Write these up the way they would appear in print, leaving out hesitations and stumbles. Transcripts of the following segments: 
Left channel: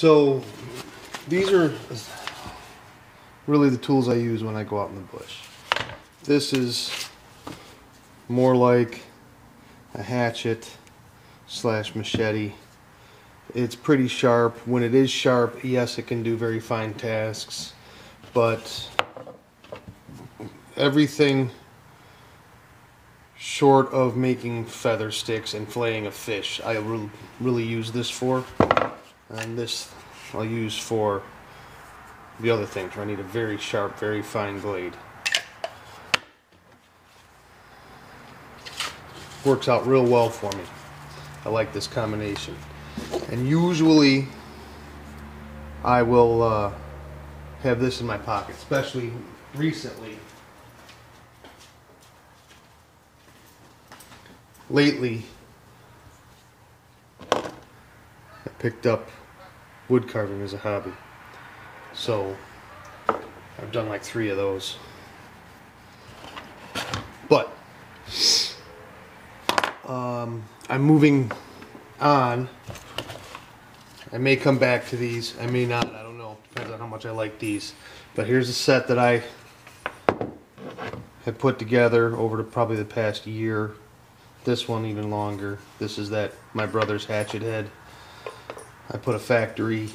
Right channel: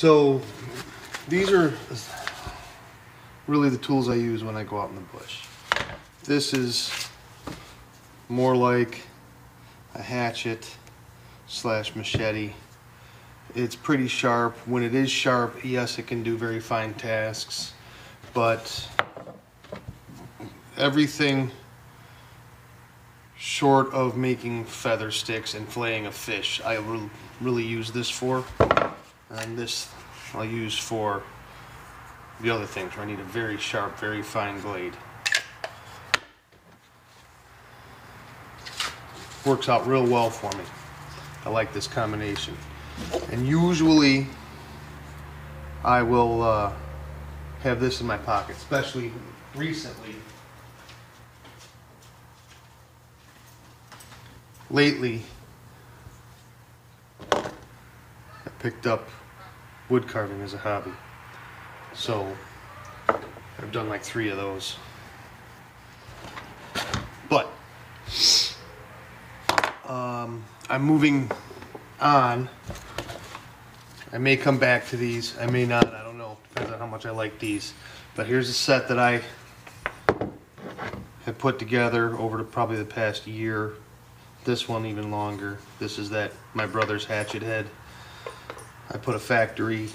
So these are really the tools I use when I go out in the bush. This is more like a hatchet slash machete. It's pretty sharp. When it is sharp, yes, it can do very fine tasks, but everything short of making feather sticks and filleting a fish, I really use this for. And this I'll use for the other things where I need a very sharp, very fine blade. Works out real well for me. I like this combination. And usually I will have this in my pocket, especially recently. Lately, I picked up wood carving as a hobby. So I've done like 3 of those. But I'm moving on. I may come back to these. I may not. I don't know. Depends on how much I like these. But here's a set that I have put together over probably the past year. This one even longer. This is my brother's hatchet head. I put a factory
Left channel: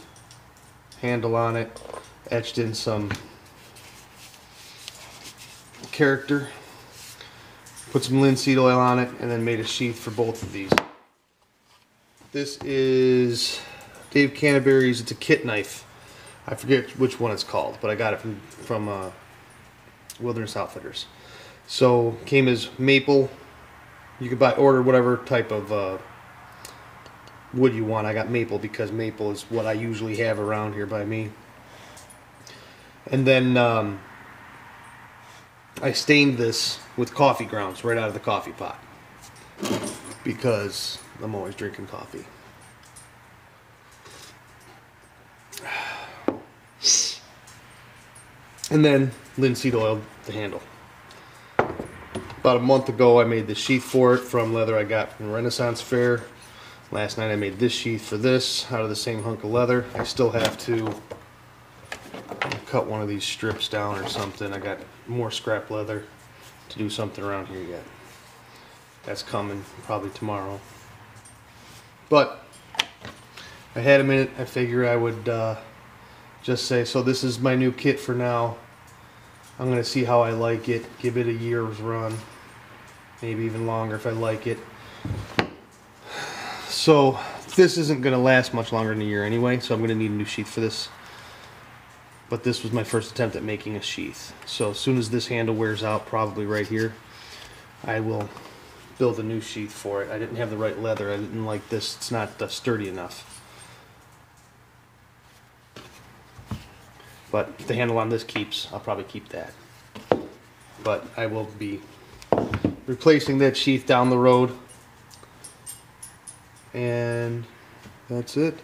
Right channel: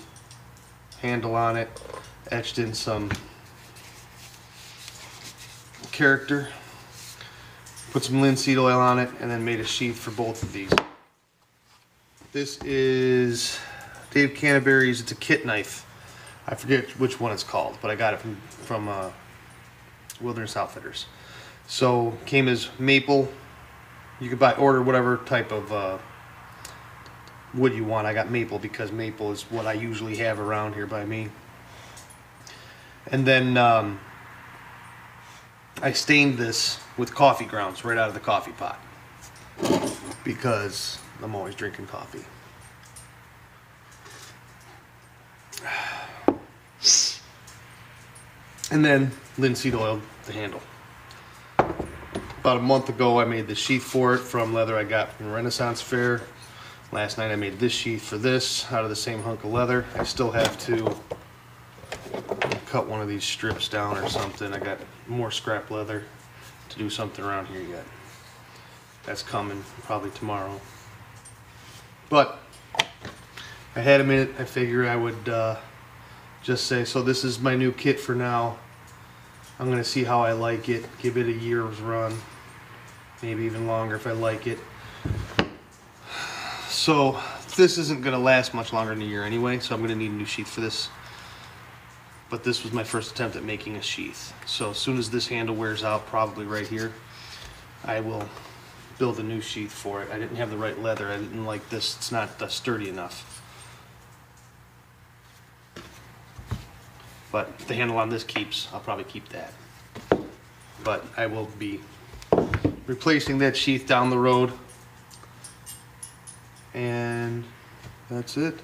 handle on it, etched in some character, put some linseed oil on it, and then made a sheath for both of these. This is Dave Canterbury's. It's a kit knife. I forget which one it's called, but I got it from Wilderness Outfitters. So came as maple. You could order whatever type of wood you want. I got maple because maple is what I usually have around here by me. And then I stained this with coffee grounds right out of the coffee pot because I'm always drinking coffee. And then linseed oil the handle. About a month ago I made the sheath for it from leather I got from Renaissance Fair. Last night I made this sheath for this out of the same hunk of leather. I still have to cut one of these strips down or something. I got more scrap leather to do something around here yet. That's coming probably tomorrow. But I had a minute. I figured I would just say, so this is my new kit for now. I'm going to see how I like it, give it a year's run, maybe even longer if I like it. So this isn't going to last much longer than a year anyway, so I'm going to need a new sheath for this. But this was my first attempt at making a sheath. So as soon as this handle wears out, probably right here, I will build a new sheath for it. I didn't have the right leather. I didn't like this. It's not sturdy enough. But if the handle on this keeps, I'll probably keep that. But I will be replacing that sheath down the road. And that's it.